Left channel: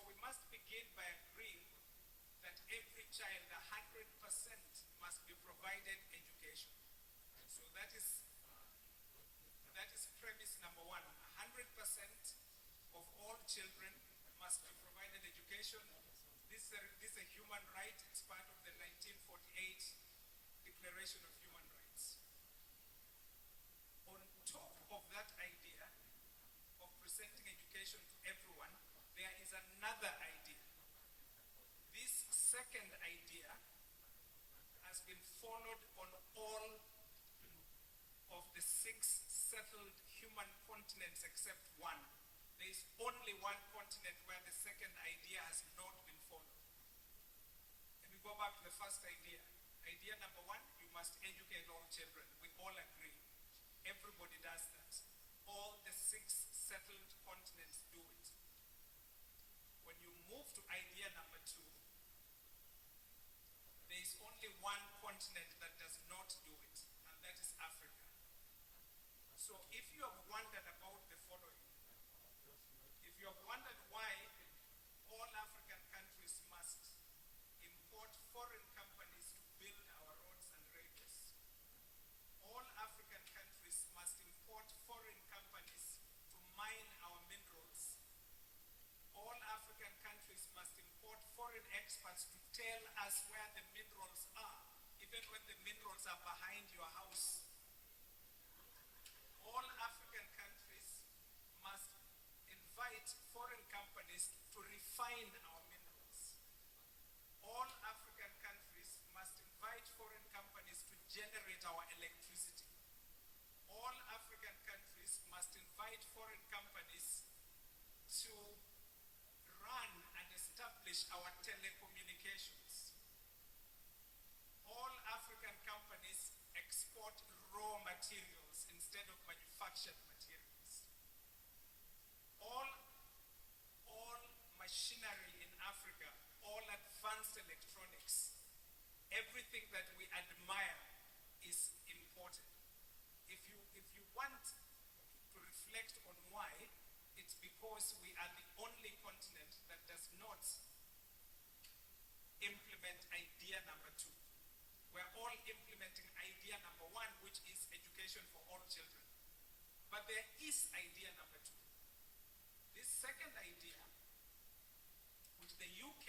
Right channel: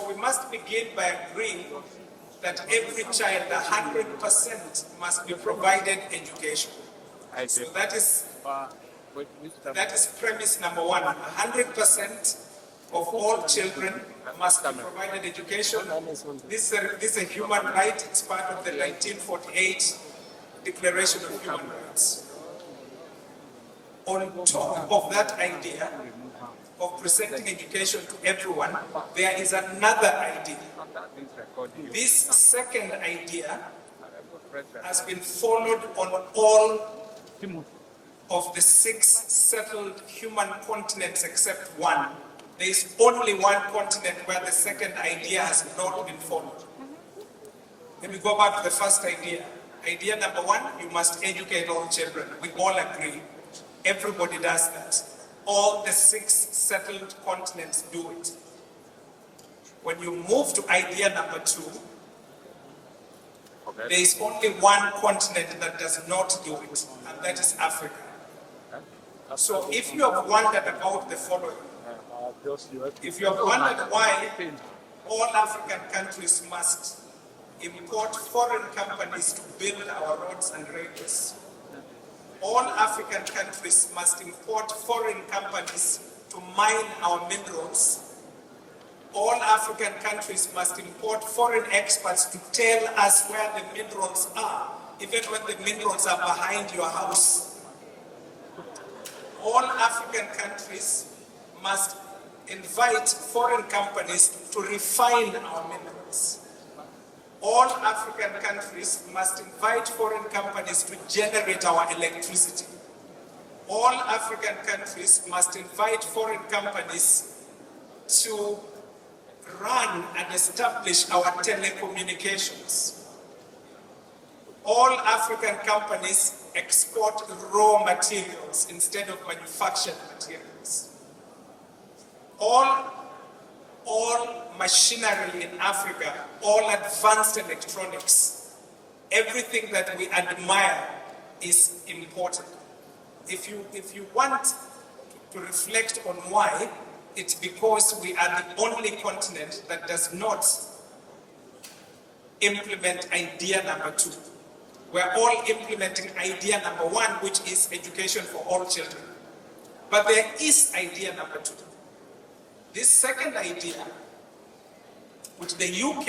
So we must begin by agreeing that every child, 100%, must be provided education. So that is premise number one. 100% of all children must be provided education. This is a human right. It's part of the 1948 Declaration of Human Rights. On top of that idea of presenting education to everyone, there is another idea. This second idea has been followed on all of the 6 settled human continents except one. There is only one continent where the second idea has not been followed. Let me go back to the first idea. Idea number one, you must educate all children. We all agree. Everybody does that. All the 6 settled continents do it. When you move to idea number 2, there is only one continent that does not do it, and that is Africa. So if you have wondered about the following, if you have wondered why all African countries must import foreign companies to build our roads and railways, all African countries must import foreign companies to mine our minerals, all African countries must import foreign experts to tell us where the minerals are, even when the minerals are behind your house. All African countries must invite foreign companies to refine our minerals. All African countries must invite foreign companies to generate our electricity. All African countries must invite foreign companies to run and establish our telecommunications. All African companies export raw materials instead of manufactured materials. All machinery in Africa, all advanced electronics, everything that we admire is imported. If you want to reflect on why, it's because we are the only continent that does not implement idea number 2. We're all implementing idea number 1, which is education for all children. But there is idea number 2. This second idea, which the UK,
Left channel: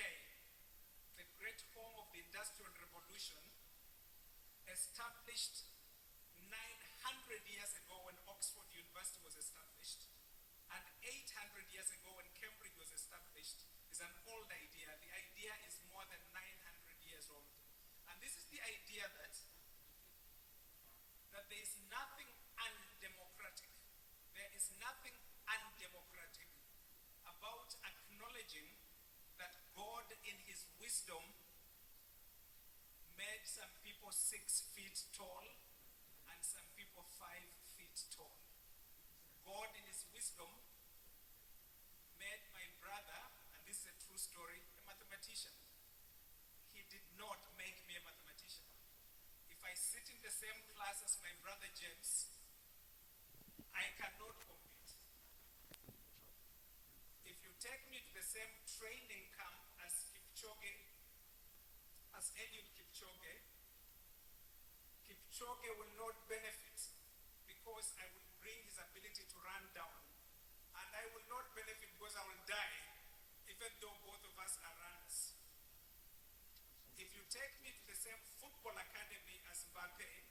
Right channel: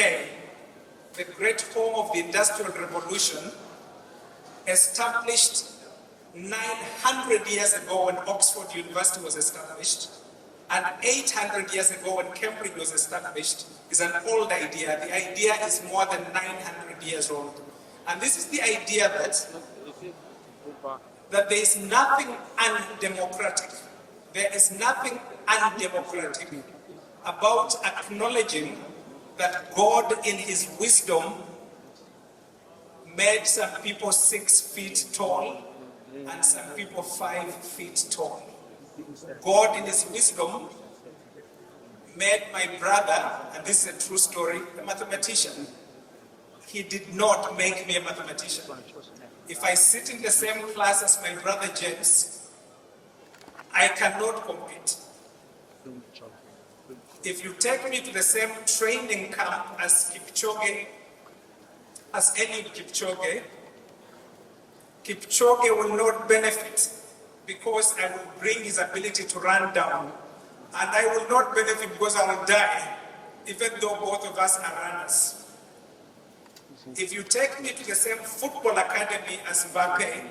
the great home of the Industrial Revolution, established 900 years ago when Oxford University was established, and 800 years ago when Cambridge was established, is an old idea. The idea is more than 900 years old. And this is the idea that there is nothing undemocratic. There is nothing undemocratic about acknowledging that God in his wisdom made some people 6 feet tall and some people 5 feet tall. God in his wisdom made my brother, and this is a true story, a mathematician. He did not make me a mathematician. If I sit in the same class as my brother James, I cannot compete. If you take me to the same training camp as Kipchoge, as any Kipchoge, Kipchoge will not benefit because I will bring his ability to run down. And I will not benefit because I will die, even though both of us are runners. If you take me to the same football academy as Mbappe,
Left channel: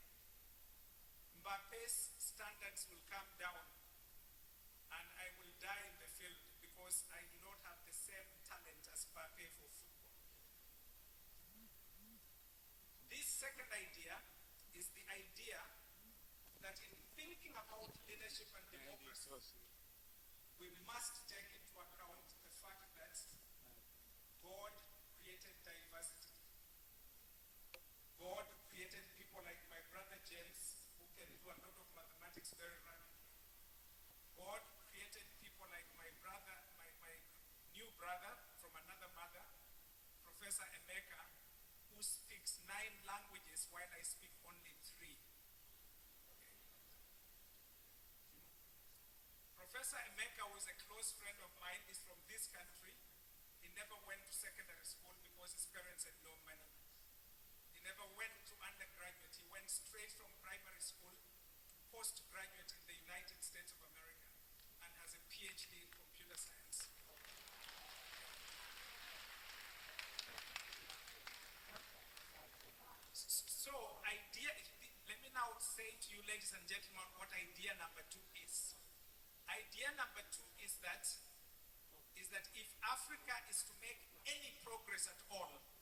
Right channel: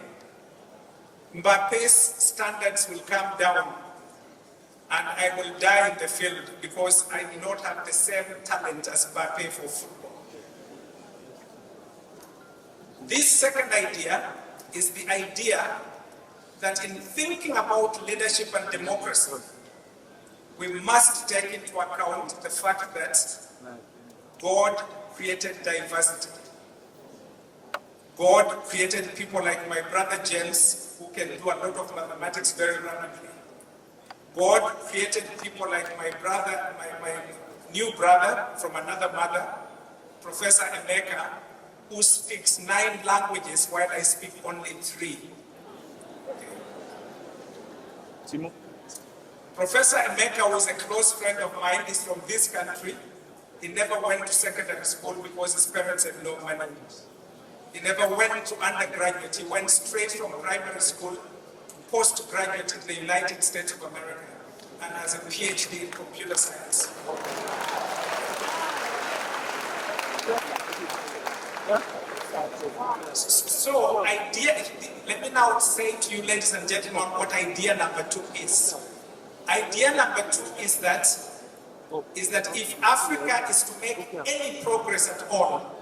Mbappe's standards will come down and I will die in the field because I do not have the same talent as Mbappe for football. This second idea is the idea that in thinking about leadership and democracy, we must take into account the fact that God created diversity. God created people like my brother James, who can do a lot of mathematics very rapidly. God created people like my brother, my new brother from another mother, Professor Emeka, who speaks 9 languages while I speak only 3. Okay. Professor Emeka was a close friend of mine. He's from this country. He never went to secondary school because his parents had no money. He never went to undergraduate. He went straight from primary school, postgraduate in the United States of America, and has a PhD in computer science. So, let me now say to you, ladies and gentlemen, what idea number 2 is. Idea number 2 is that if Africa is to make any progress at all,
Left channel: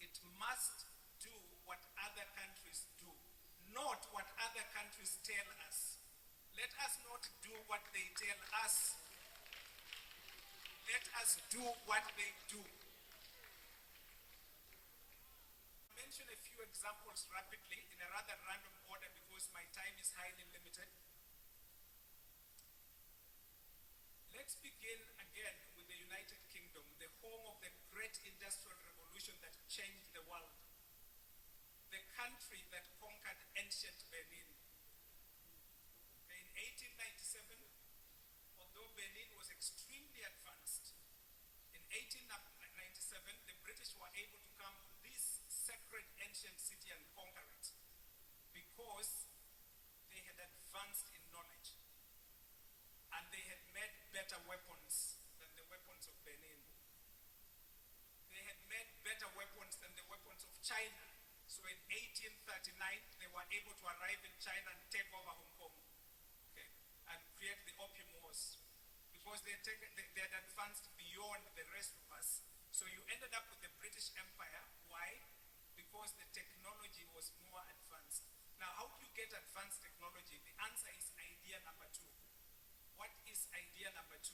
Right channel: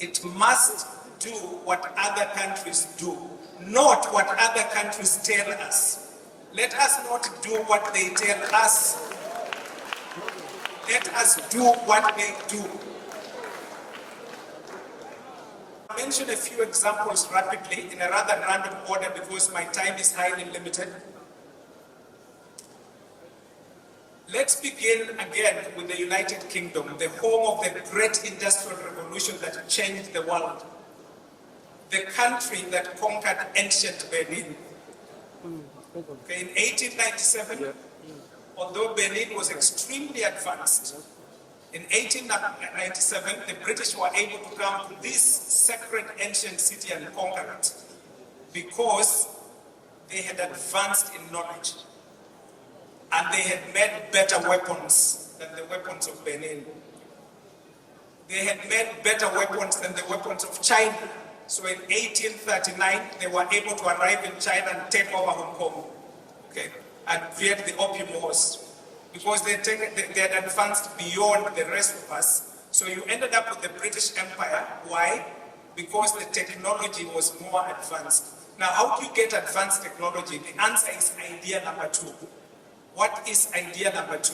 it must do what other countries do, not what other countries tell us. Let us not do what they tell us. Let us do what they do. I'll mention a few examples rapidly in a rather random order because my time is highly limited. Let's begin again with the United Kingdom, the home of the great industrial revolution that changed the world. The country that conquered ancient Benin. Okay, in 1897, although Benin was extremely advanced, in 1897, the British were able to come to this sacred ancient city and conquer it because they had advanced in knowledge and they had made better weapons than the weapons of Benin. They had made better weapons than the weapons of China. So in 1839, they were able to arrive in China and take over Hong Kong, okay, and create the Opium Wars. Because they had advanced beyond the rest of us. So you ended up with the British Empire. Why? Because the technology was more advanced. Now, how do you get advanced technology? The answer is idea number 2. What is idea number 2?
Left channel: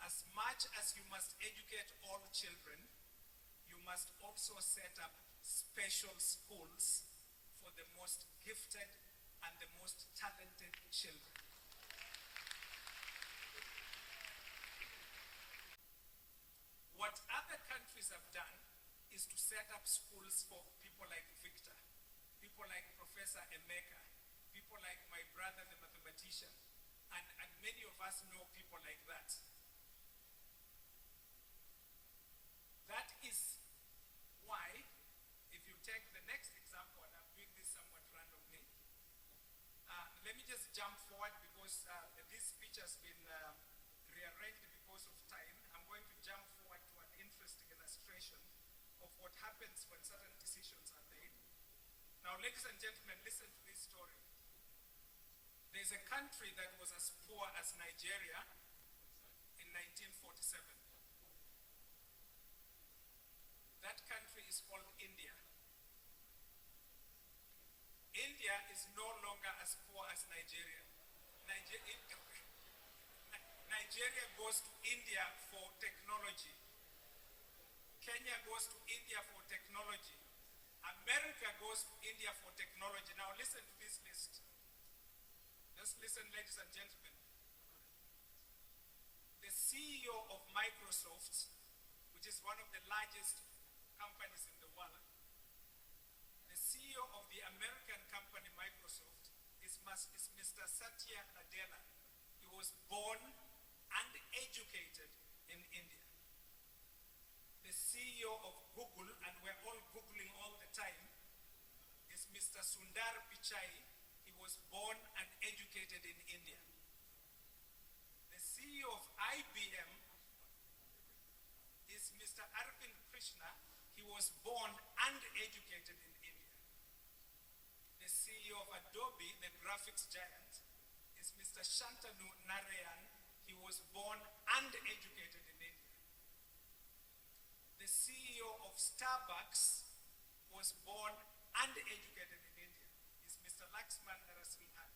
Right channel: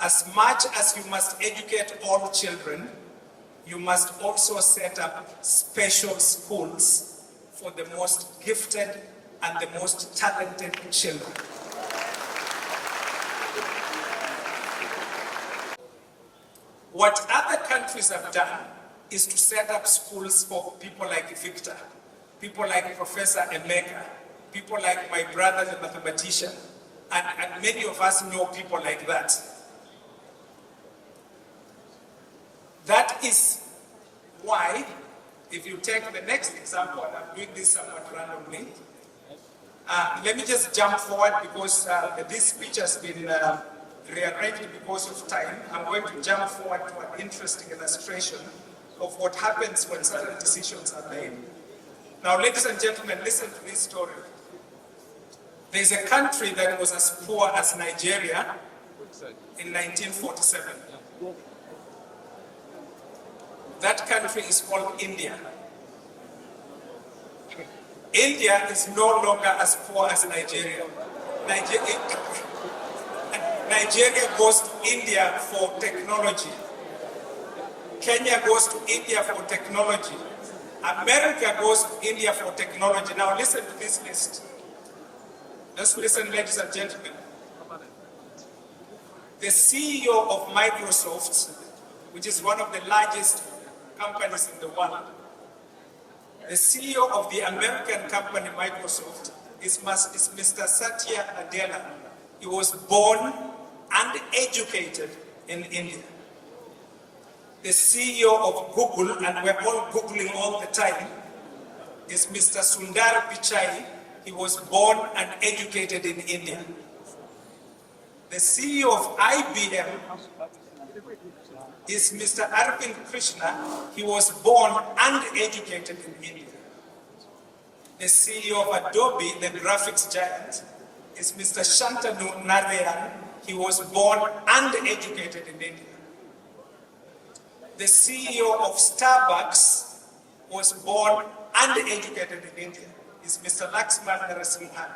As much as you must educate all children, you must also set up special schools for the most gifted and the most talented children. What other countries have done is to set up schools for people like Victor, people like Professor Emeka, people like my brother, the mathematician, and many of us know people like that. That is why, if you take the next example, I'm doing this somewhat randomly. Let me just jump forward because this speech has been rearranged because of time. I'm going to jump forward to an interesting illustration of what happens when certain decisions are made. Now, ladies and gentlemen, listen to this story. There's a country that was as poor as Nigeria in 1947. That country is called India. India is no longer as poor as Nigeria. Nigeria goes to India for technology. Kenya goes to India for technology. America goes to India for technology. Now listen to this list. Just listen, ladies and gentlemen. The CEO of Microsoft, which is one of the largest companies in the world, the CEO of the American company Microsoft is Mr. Satya Nadella. He was born and educated in India. The CEO of Google, and we're all Googling all the time, is Mr. Sundar Pichai. He was born and educated in India. The CEO of IBM is Mr. Arvind Krishna. He was born and educated in India. The CEO of Adobe, the graphics giant, is Mr. Shantanu Narayan. He was born and educated in India. The CEO of Starbucks was born and educated in India. Is Mr. Laxman Narasimhan.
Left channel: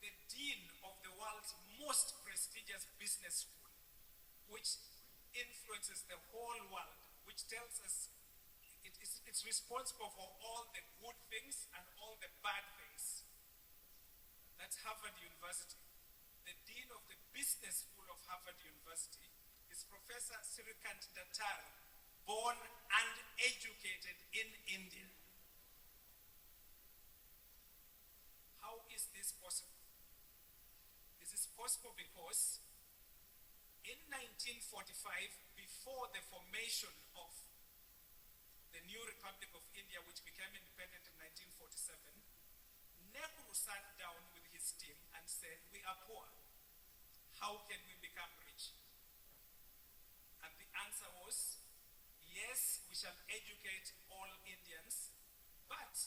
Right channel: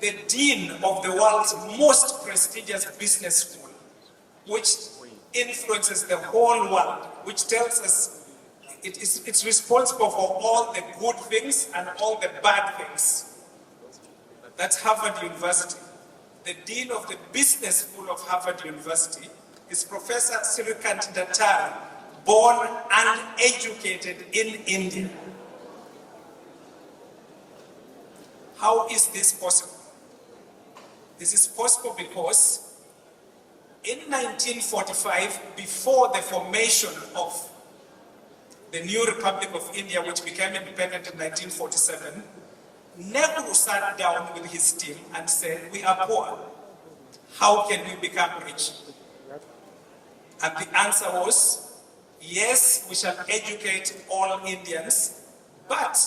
The dean of the world's most prestigious business school, which influences the whole world, which tells us it's responsible for all the good things and all the bad things. That's Harvard University. The dean of the business school of Harvard University is Professor Sirikant Datar, born and educated in India. How is this possible? This is possible because 1945, before the formation of the new Republic of India, which became independent in 1947, Nehru sat down with his team and said, we are poor. How can we become rich? And the answer was, yes, we shall educate all Indians, but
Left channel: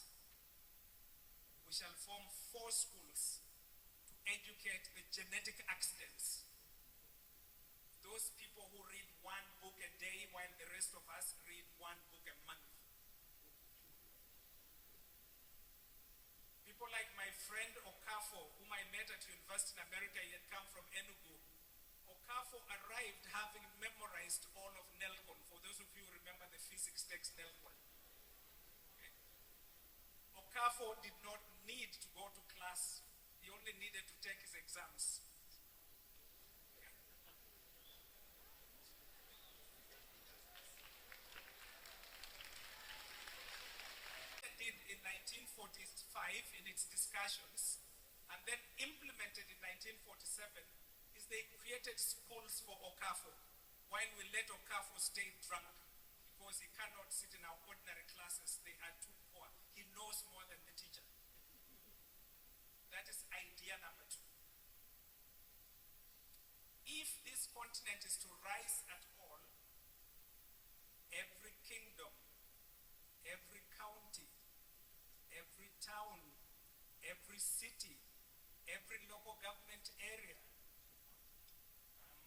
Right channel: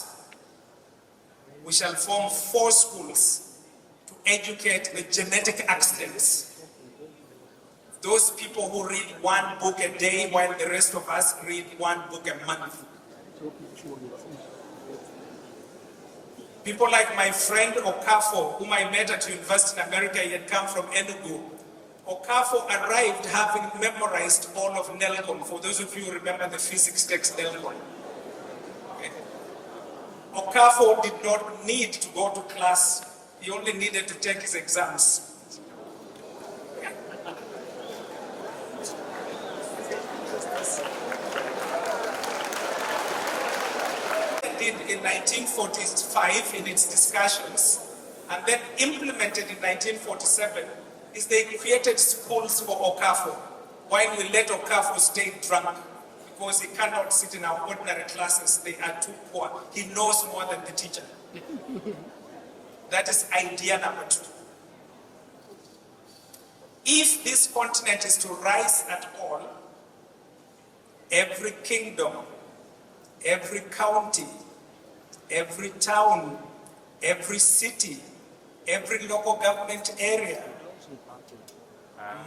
we shall form 4 schools to educate the genetic accidents. Those people who read 1 book a day while the rest of us read 1 book a month. People like my friend Okafo, whom I met at university in America, he had come from Enugu. Okafo arrived having memorized all of Nelcon, for those of you who remember the physics text Nelcon. Okay. Okafo did not need to go to class, he only needed to take his exams. In 1945 in its discussions, and then implemented in 1947, is they created schools for Okafo, while we let Okafo stay drunk, because he cannot sit in our ordinary classes, they are too poor. He knows more than the teacher. That is idea number 2. If this continent is to rise at all, every kingdom, every county, every town, every city, every local government area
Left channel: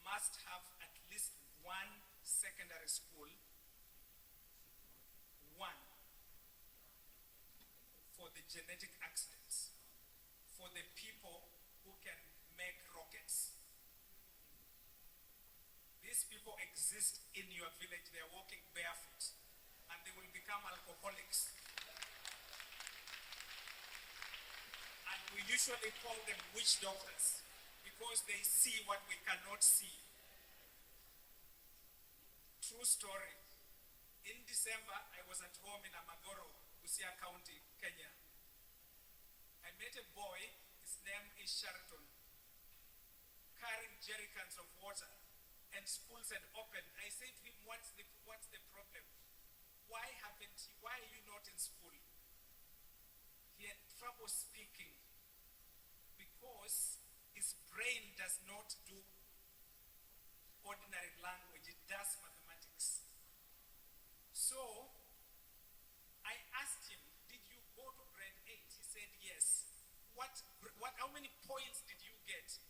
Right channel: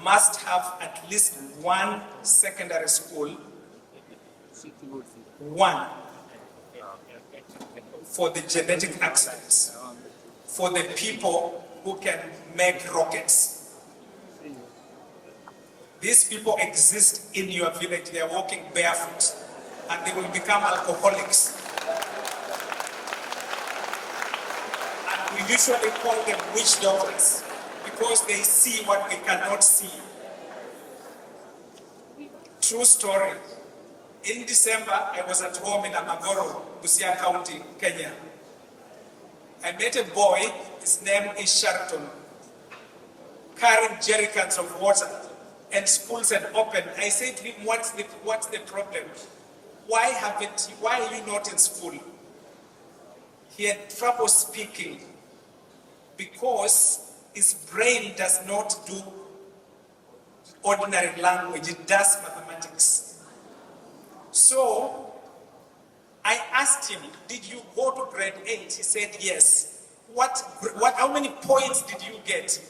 must have at least 1 secondary school, 1 for the genetic accidents, for the people who can make rockets. These people exist in your village, they are walking barefoot, and they will become alcoholics. And we usually call them witch doctors because they see what we cannot see. True story. In December, I was at home in Amagoro, Busia County, Kenya. I met a boy, his name is Sheraton, carrying jerrycans of water, and schools had opened. I said to him, what's the problem? Why are you not in school? He had trouble speaking because his brain does not do ordinary language, it does mathematics. So I asked him, did you go to grade 8? He said, yes. How many points did you get?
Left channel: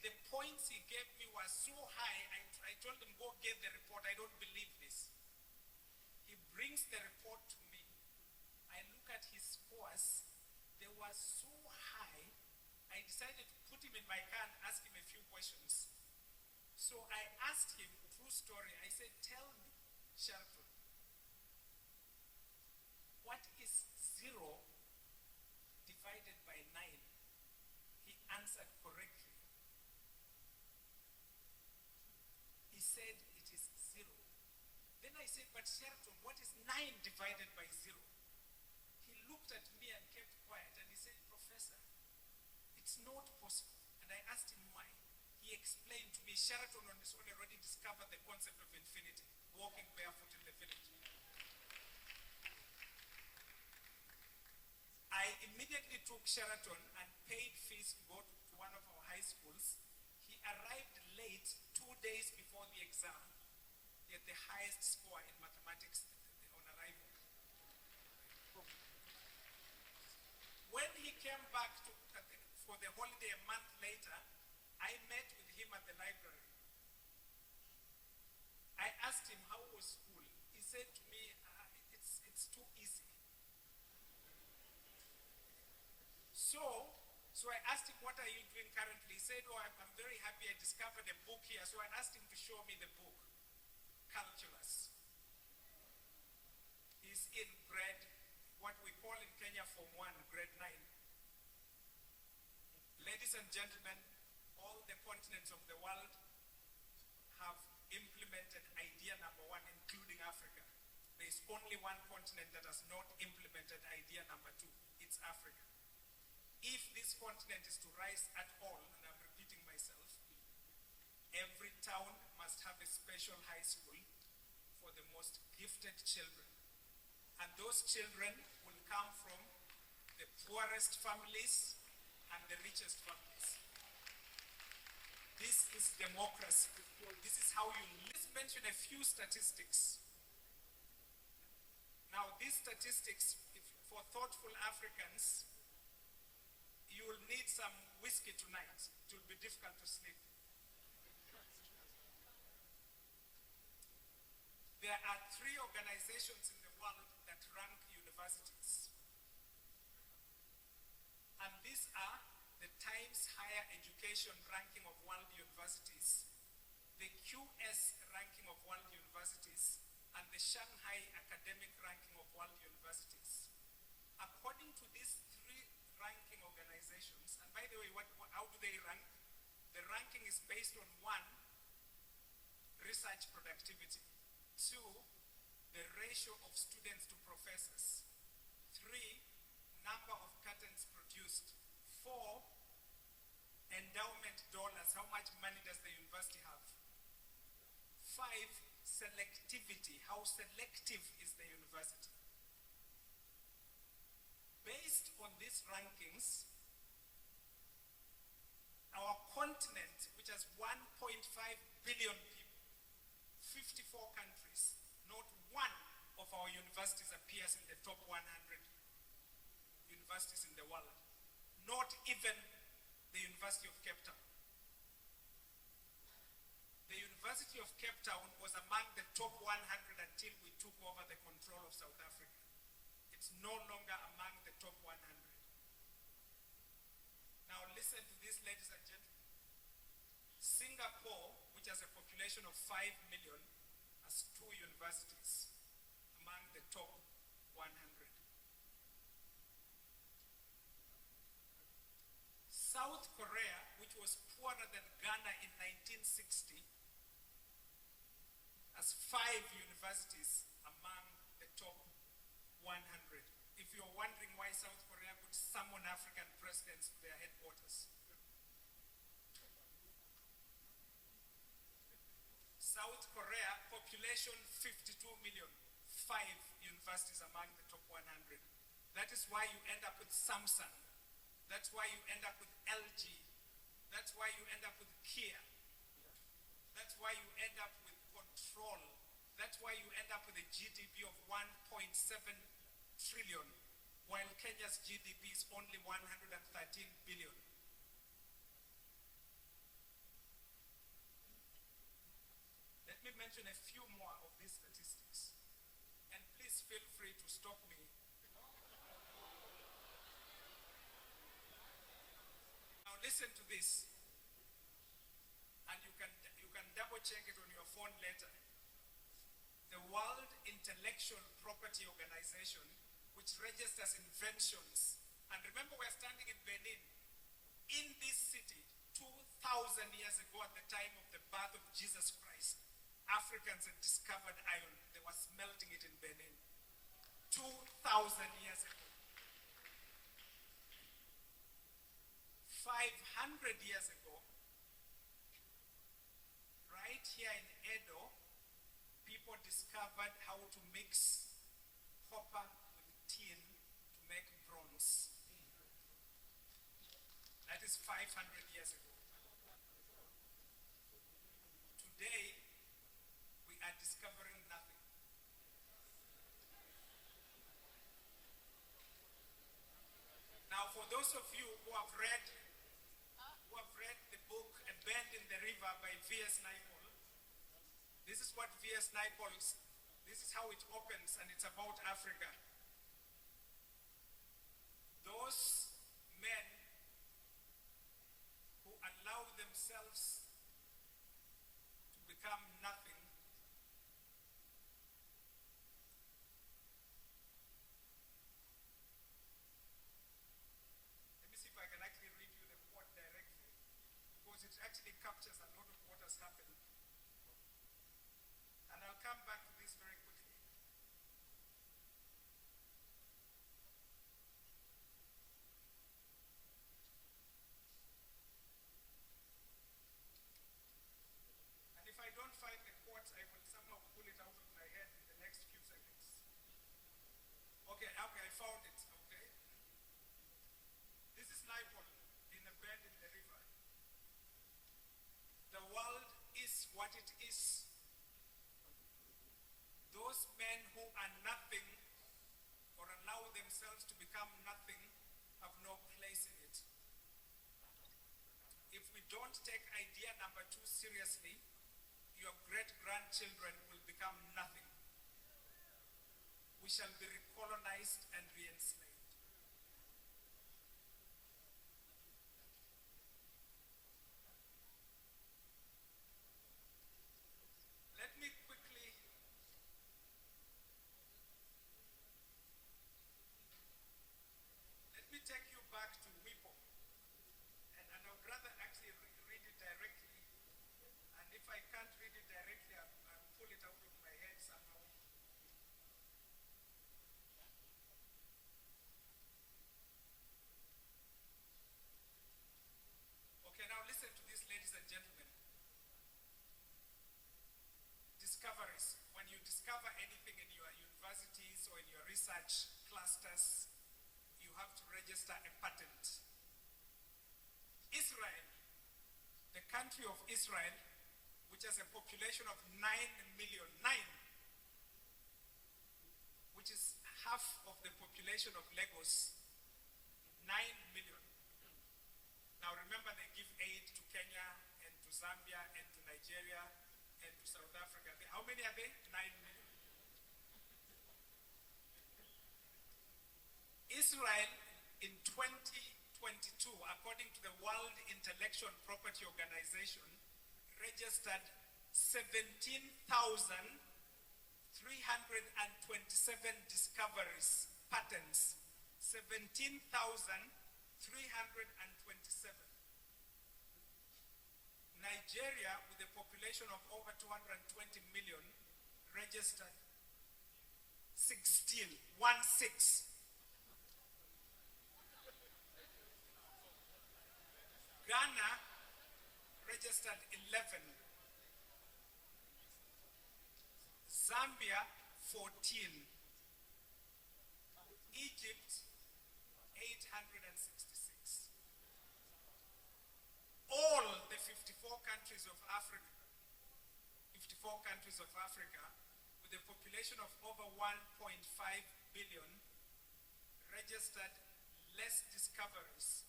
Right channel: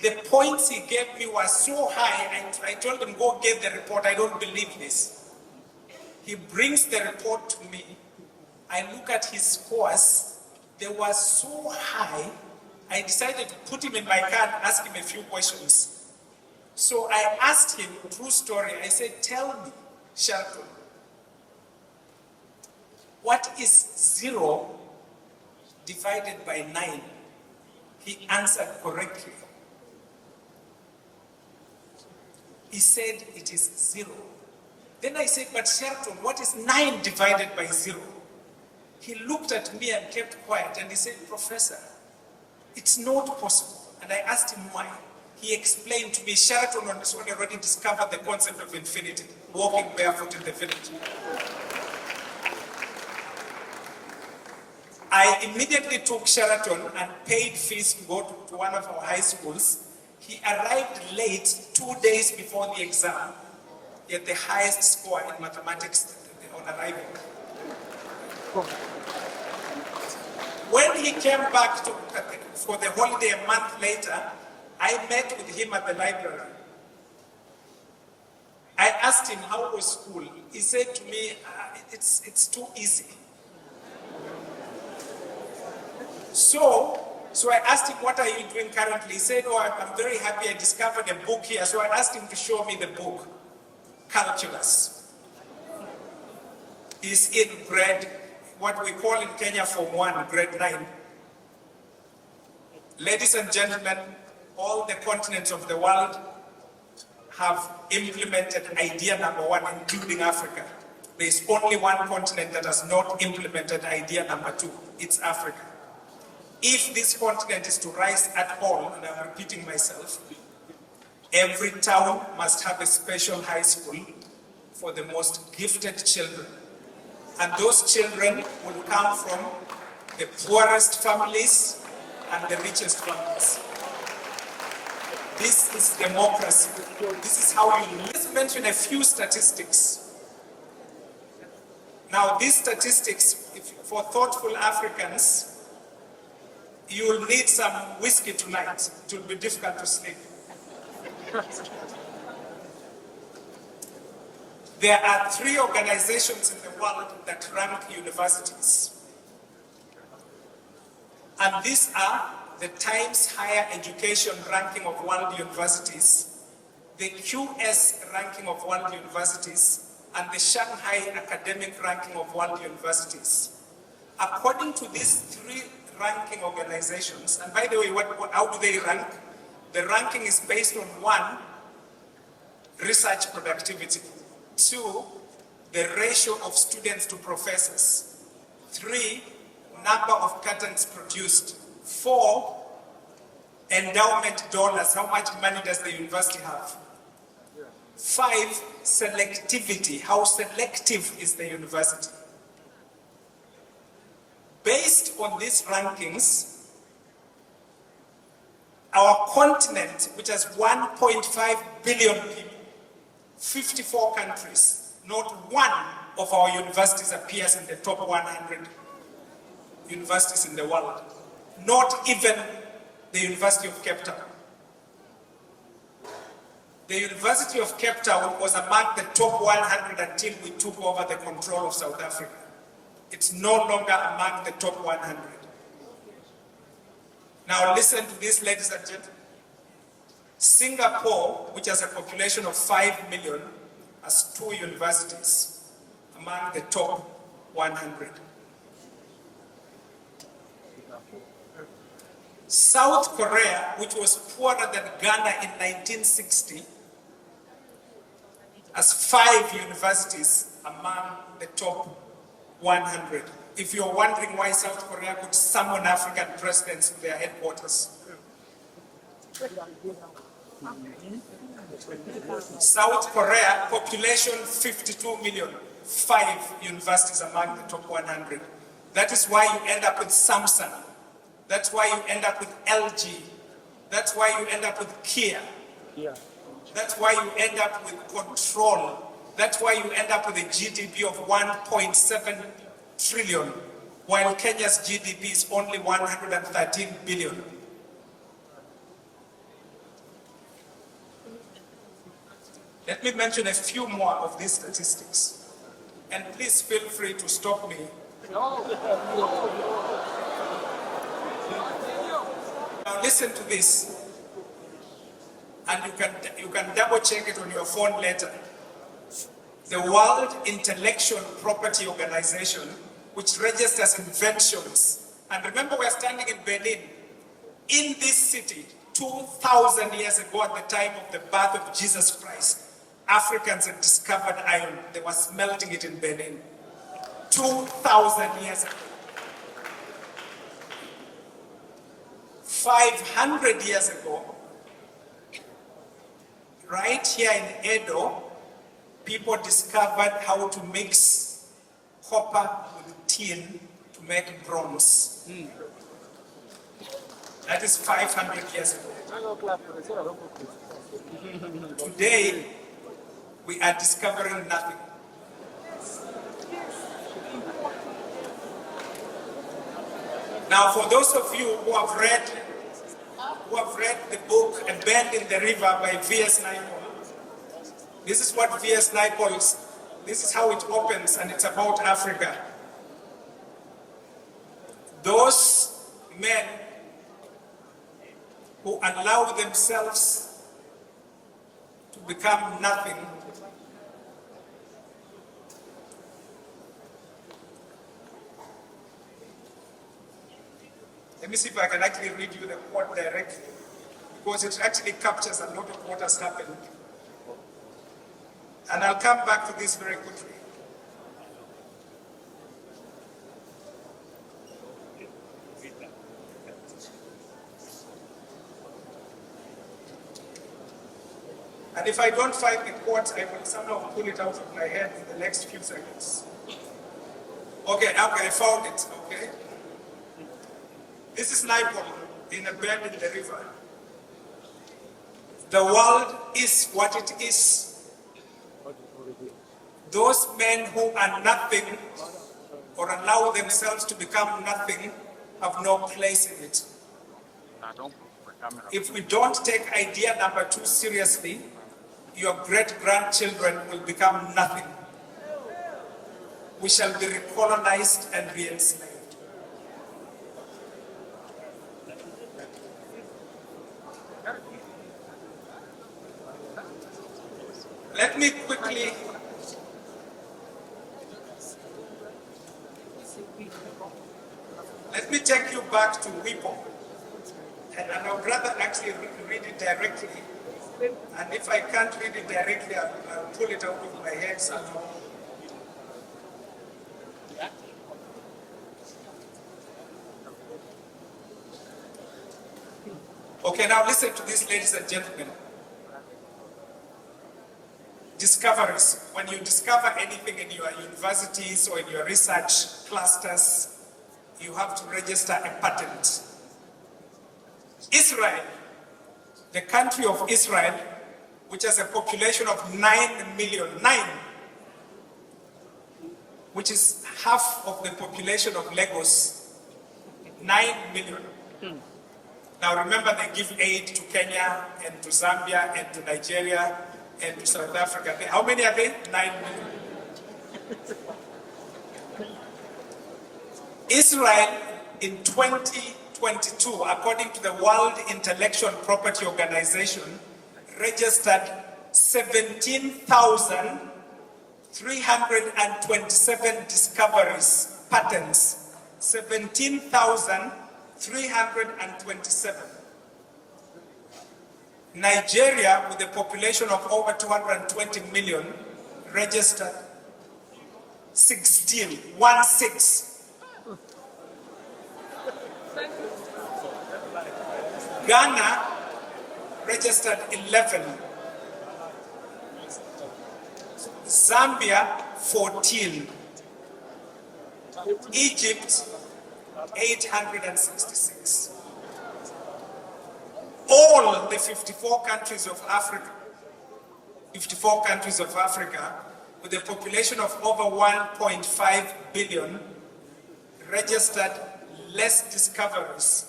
The points he gave me were so high, I told him, go get the report, I don't believe this. He brings the report to me. I look at his scores, they were so high, I decided to put him in my car and ask him a few questions. So I asked him, true story, I said, tell me, Shelton, what is 0 divided by 9? He answered correctly. He said it is 0. Then I said, but Shelton, what is 9 divided by 0? He looked at me and kept quiet and he said, Professor, it's not possible. And I asked him why. He explained to me, Sheraton on his own already discovered the concept of infinity, walking barefoot in the village. I immediately took Sheraton and paid fees to go to one of our high schools. He arrived late 2 days before the exam. He had the highest score in mathematics on arrival. When he came back for the holiday a month later, I met with him at the library. I asked him, how was school? He said to me, it's too easy. So I asked him, what are you doing currently? He said, I'm very happy I discovered a book here. So I asked him to show me the book, Calculus. He's in grade, what we call in Kenya Form 1, grade 9. Ladies and gentlemen, all the continents of the world have implemented idea number 1, including Africa. There's only one continent that has not implemented idea number 2. It's Africa. If this continent is to rise at all, and I'm repeating myself, Every town must have a special high school for the most gifted children. And those children will come from the poorest families and the richest families. This is democracy. This is how you live. Let's mention a few statistics. Now, these statistics, for thoughtful Africans, you will need some whiskey tonight. It will be difficult to sleep. There are 3 organizations in the world that rank universities. And these are the Times Higher Education ranking of world universities, the QS ranking of world universities, and the Shanghai Academic ranking of world universities. According to these 3 ranking organizations, and by the way, how do they rank? The ranking is based on 1, research productivity, 2, the ratio of students to professors, 3, number of patents produced, 4, endowment dollars, how much money does the university have? 5, selectivity, how selective is the university? Based on these rankings, our continent, which has 1.5 billion people, 54 countries, not one of our universities appears in the top 100 universities in the world. Not even the University of Cape Town. The University of Cape Town was among the top 100 until we took over the control of South Africa. It's no longer among the top 100. Now listen to this, ladies and gentlemen. Singapore, which has a population of 5 million, has 2 universities among the top 100. South Korea, which was poorer than Ghana in 1960, has 5 universities among the top 100. If you're wondering why South Korea could summon African presidents to their headquarters. South Korea, population 52 million, 5 universities among the top 100. That is why you end up with Samsung. That's why you end up with LG. That's why you end up with Kia. That's why you end up with Control. That's why you end up with a GDP of 1.7 trillion, while Kenya's GDP is only 113 billion. Let me mention a few more of these statistics. And please feel free to stop me. Now listen to this. And you can double check it on your phone later. The World Intellectual Property Organization, which registers inventions. And remember, we're standing in Benin. In this city, 2,000 years ago, at the time of the birth of Jesus Christ, Africans had discovered iron. They were smelting it in Benin. 2,000 years ago. 500 years ago, right here in Edo, people discovered how to mix copper with tin to make bronze. That is 500 years ago. Today, we are discovering nothing. Now, for those of you who have read the book A Bend in the River by V.S. Naipaul, this is what V.S. Naipaul, this is how it opens, and it's about Africa. Those men who allow themselves to become nothing let me see if I can actually read you the quote directly, because it actually captures a lot of what has happened. And I'll come back to this very quickly. And if I don't find the quote, I will somehow pull it out of my head in the next few seconds. Okay, I found it, okay? This is Nairobi in a bend in the river. The world is what it is. Those men who are nothing or allow themselves to become nothing have no place in it. If we don't take idea number 2 seriously, your great-grandchildren will become nothing. We shall be recolonized and re-enslaved. Let me quickly take you back to WIPO. And I would rather actually read it directly. And if I can't read it directly, I'll pull it out of my head somehow. Okay, now listen to this, ladies and gentlemen. Discoveries. When you discover anything in your universities or in your research clusters, you have to register a patent. Israel, the country of Israel, which has a population of 9 million, which is half of the population of Lagos, 9 million. Now remember, they give aid to Kenya and to Zambia and to Nigeria and to South Africa. How many are they? 9 million. Israel in 2022, according to the World Intellectual Property Organization, registered 17,327 discoveries, patents, 17,327. Nigeria, with a population of over 220 million, registered 16. Ghana registered 11. Zambia 14. Egypt 866. All the 54 countries of Africa, with a population of over 1.5 billion, registered less discoveries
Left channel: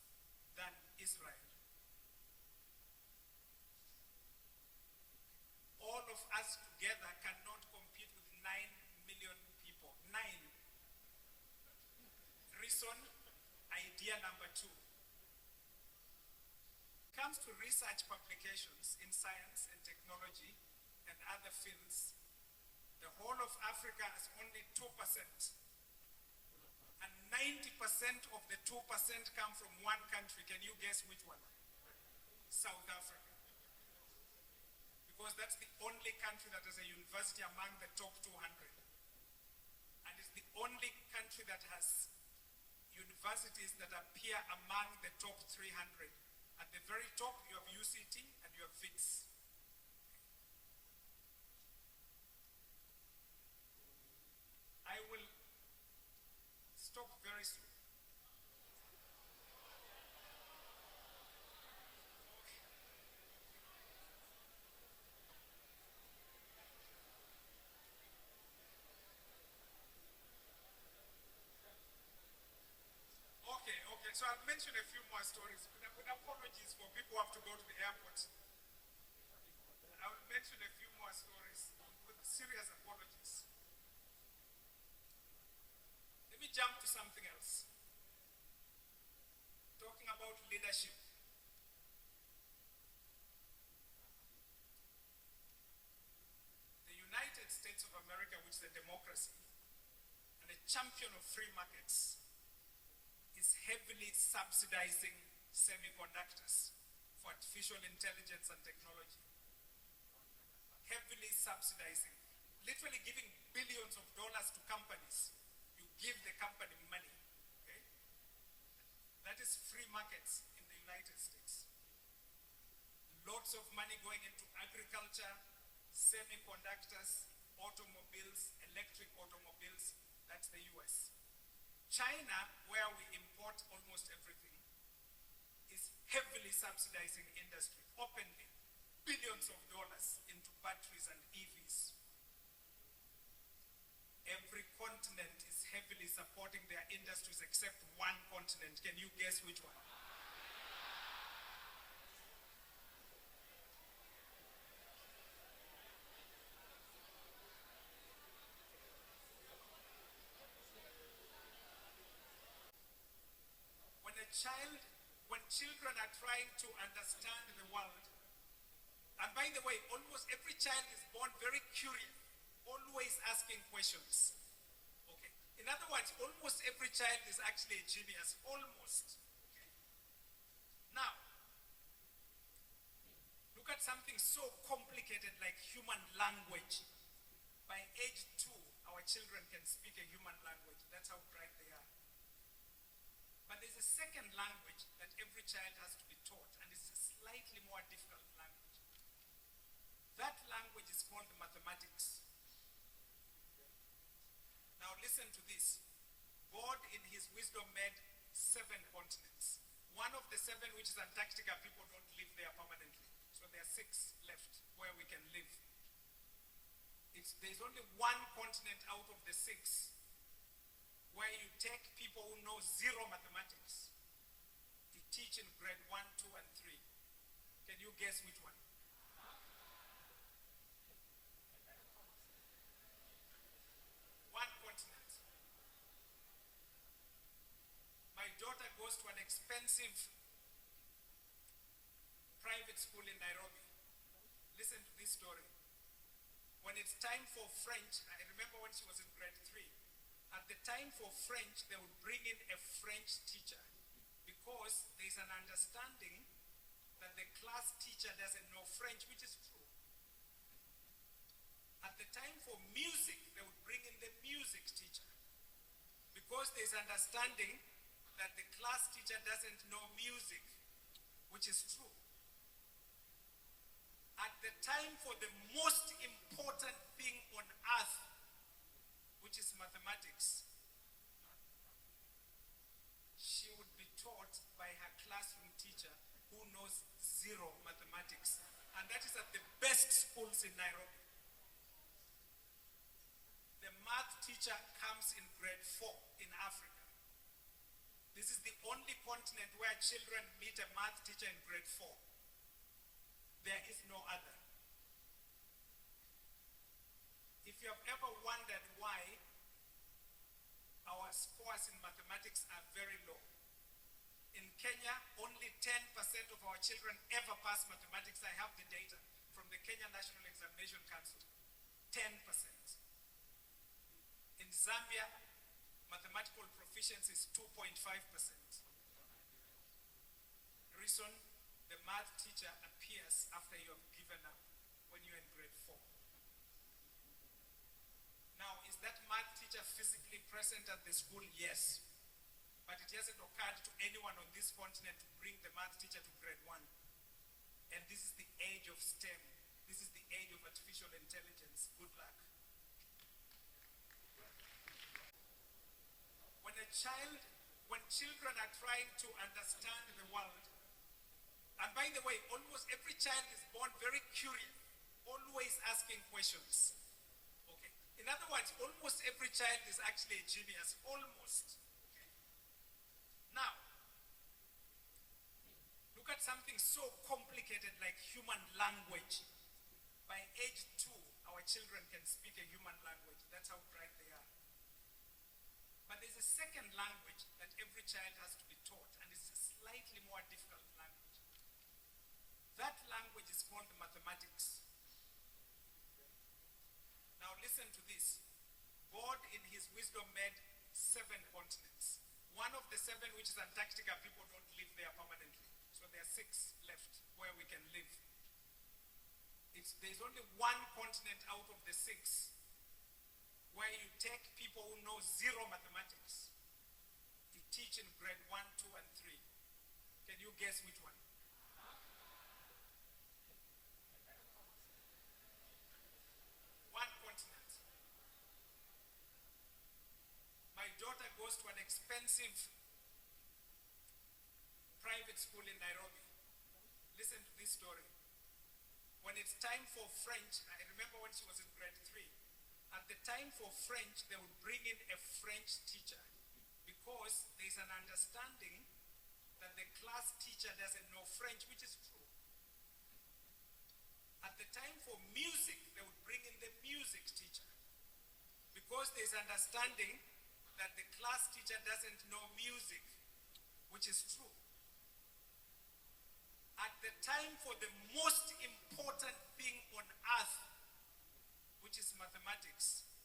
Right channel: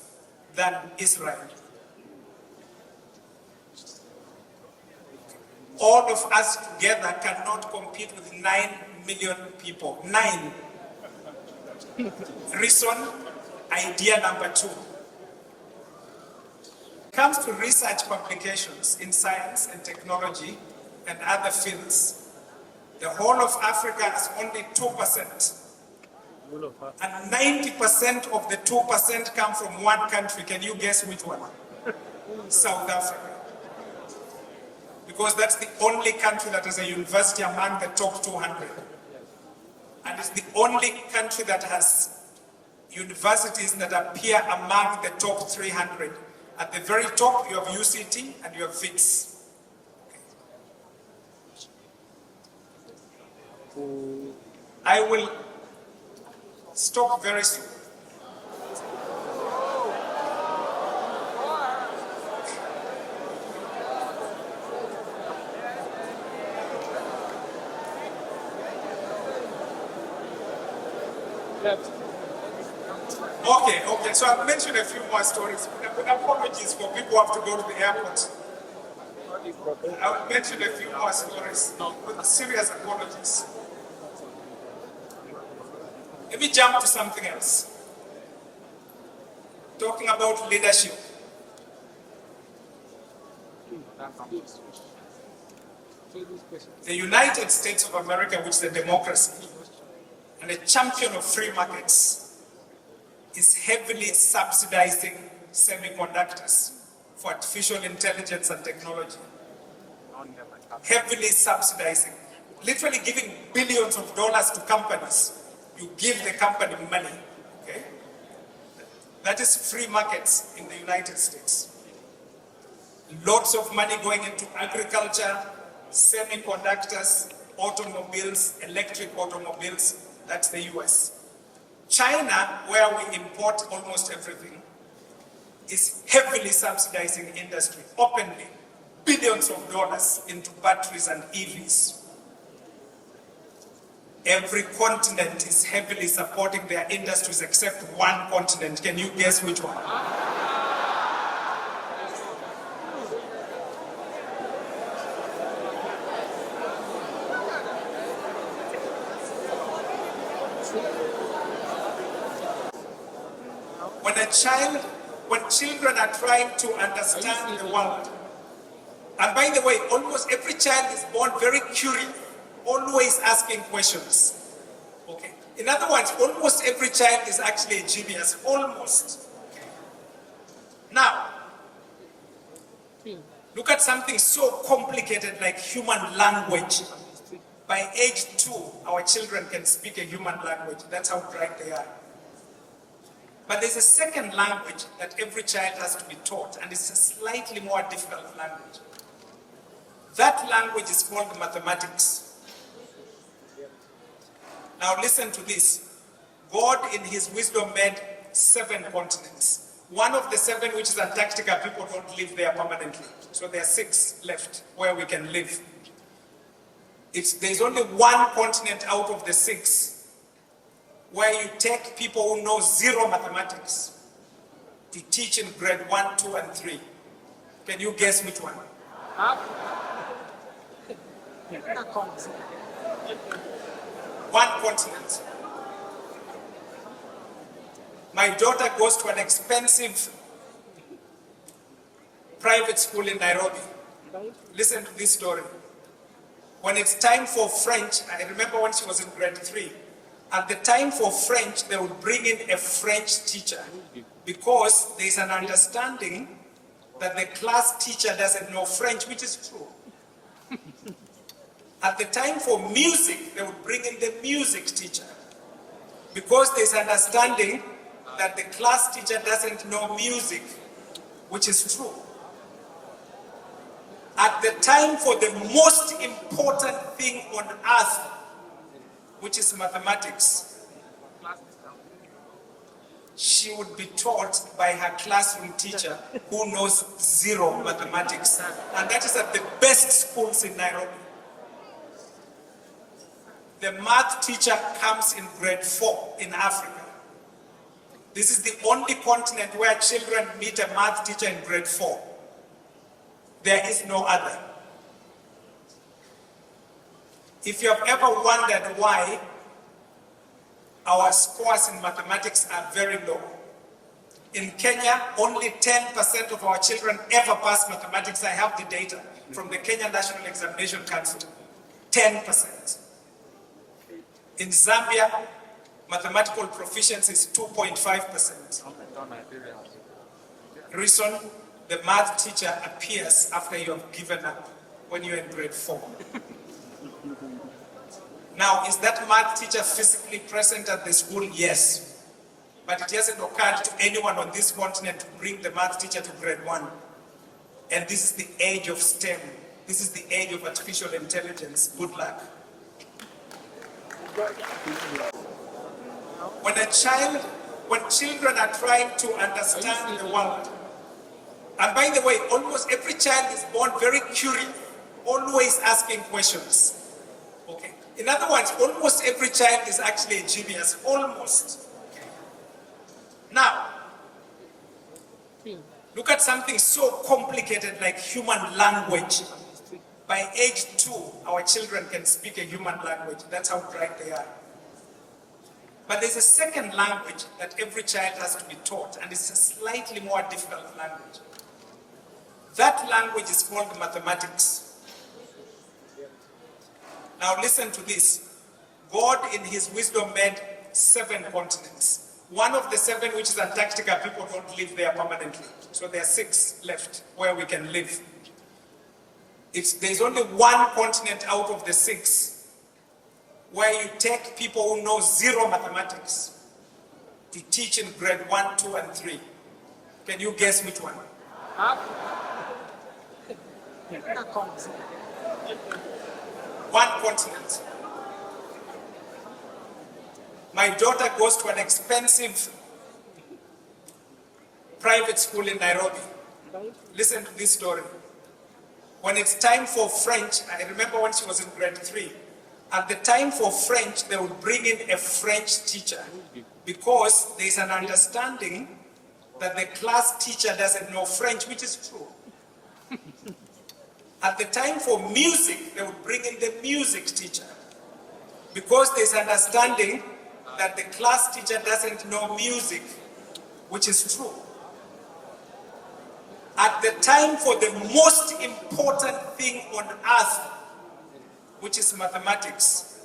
than Israel. All of us together cannot compete with 9 million people. 9. Reason, idea number 2. When it comes to research publications in science and technology and other fields, the whole of Africa is only 2%. And 90% of the 2% come from one country. Can you guess which one? South Africa. Because that's the only country that has a university among the top 200. And it's the only country that has universities that appear among the top 300. At the very top, you have UCT and you have FITS. I will stop very soon. Okay, so I'll mention a few more stories. Apologies for people who have to go to the airport. I will mention a few more stories with serious apologies. Let me jump to something else. Talking about leadership. The United States of America, which is a democracy and a champion of free markets, is heavily subsidizing semiconductors for artificial intelligence and technology. Heavily subsidizing, literally giving billions of dollars to companies. You give the company money, okay? That is free markets in the United States. Lots of money going into agriculture, semiconductors, automobiles, electric automobiles. That's the US. China, where we import almost everything, is heavily subsidizing industry, openly, billions of dollars into batteries and EVs. Every continent is heavily supporting their industries except one continent. Can you guess which one? When children are trying to understand the world, and by the way, almost every child is born very curious, always asking questions. Okay. In other words, almost every child is actually a genius, almost. Okay. Now, look at something so complicated like human language. By age 2, our children can speak a human language. That's how bright they are. But there's a second language that every child has to be taught, and it's a slightly more difficult language. That language is called mathematics. Now listen to this. God in his wisdom made 7 continents. One of the 7, which is Antarctica, people don't live there permanently. So there are 6 left where we can live. There's only one continent out of the 6 where you take people who know 0 mathematics to teach in grade 1, 2, and 3. Can you guess which one? One continent. My daughter goes to an expensive private school in Nairobi. Listen to this story. When it's time for French, I remember when she was in grade 3, at the time for French, they would bring in a French teacher because there's an understanding that the class teacher doesn't know French, which is true. At the time for music, they would bring in the music teacher because there's an understanding that the class teacher doesn't know music, which is true. At the time for the most important thing on earth, which is mathematics, she would be taught by her classroom teacher who knows 0 mathematics. And that is at the best schools in Nairobi. The math teacher comes in grade 4 in Africa. This is the only continent where children meet a math teacher in grade 4. There is no other. If you have ever wondered why our scores in mathematics are very low, in Kenya, only 10% of our children ever pass mathematics. I have the data from the Kenya National Examination Council. 10%. In Zambia, mathematical proficiency is 2.5%. Reason, the math teacher appears after you have given up when you're in grade 4. Now, is that math teacher physically present at the school? Yes. But it hasn't occurred to anyone on this continent to bring the math teacher to grade 1. And this is the age of STEM. This is the age of artificial intelligence. Good luck. When children are trying to understand the world, and by the way, almost every child is born very curious, always asking questions. Okay. In other words, almost every child is actually a genius, almost. Okay. Now, look at something so complicated like human language. By age 2, our children can speak a human language. That's how bright they are. But there's a second language that every child has to be taught, and it's a slightly more difficult language. That language is called mathematics. Now listen to this. God in his wisdom made 7 continents. One of the 7, which is Antarctica, people don't live there permanently. So there are 6 left where we can live. There's only one continent out of the 6 where you take people who know 0 mathematics to teach in grade 1, 2, and 3. Can you guess which one? One continent. My daughter goes to an expensive private school in Nairobi. Listen to this story. When it's time for French, I remember when she was in grade 3, at the time for French, they would bring in a French teacher because there's an understanding that the class teacher doesn't know French, which is true. At the time for music, they would bring in the music teacher because there's understanding that the class teacher doesn't know music, which is true. At the time for the most important thing on earth, which is mathematics,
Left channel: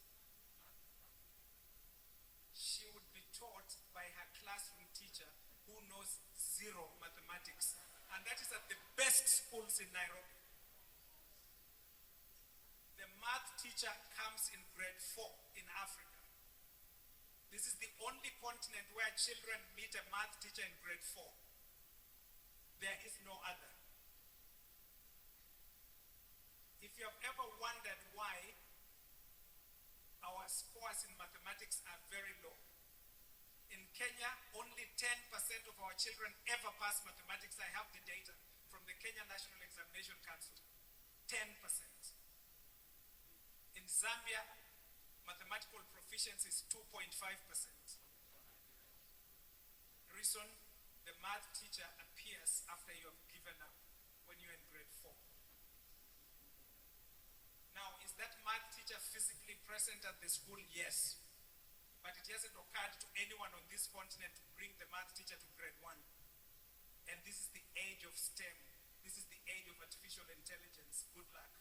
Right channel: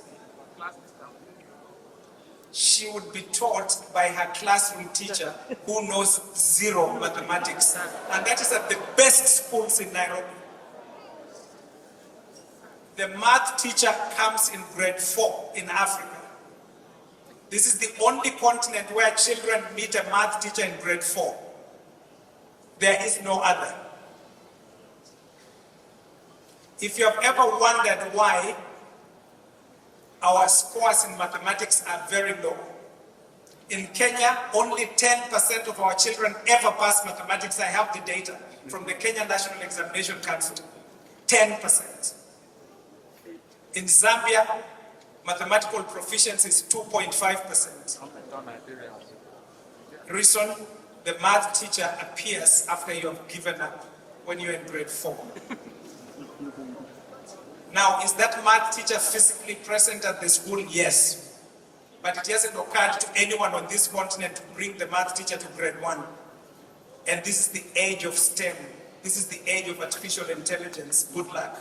she would be taught by her classroom teacher who knows zero mathematics. And that is at the best schools in Nairobi. The math teacher comes in grade 4 in Africa. This is the only continent where children meet a math teacher in grade 4. There is no other. If you have ever wondered why our scores in mathematics are very low, in Kenya, only 10% of our children ever pass mathematics. I have the data from the Kenya National Examination Council. 10%. In Zambia, mathematical proficiency is 2.5%. Reason, the math teacher appears after you have given up when you're in grade 4. Now, is that math teacher physically present at the school? Yes. But it hasn't occurred to anyone on this continent to bring the math teacher to grade 1. And this is the age of STEM. This is the age of artificial intelligence. Good luck.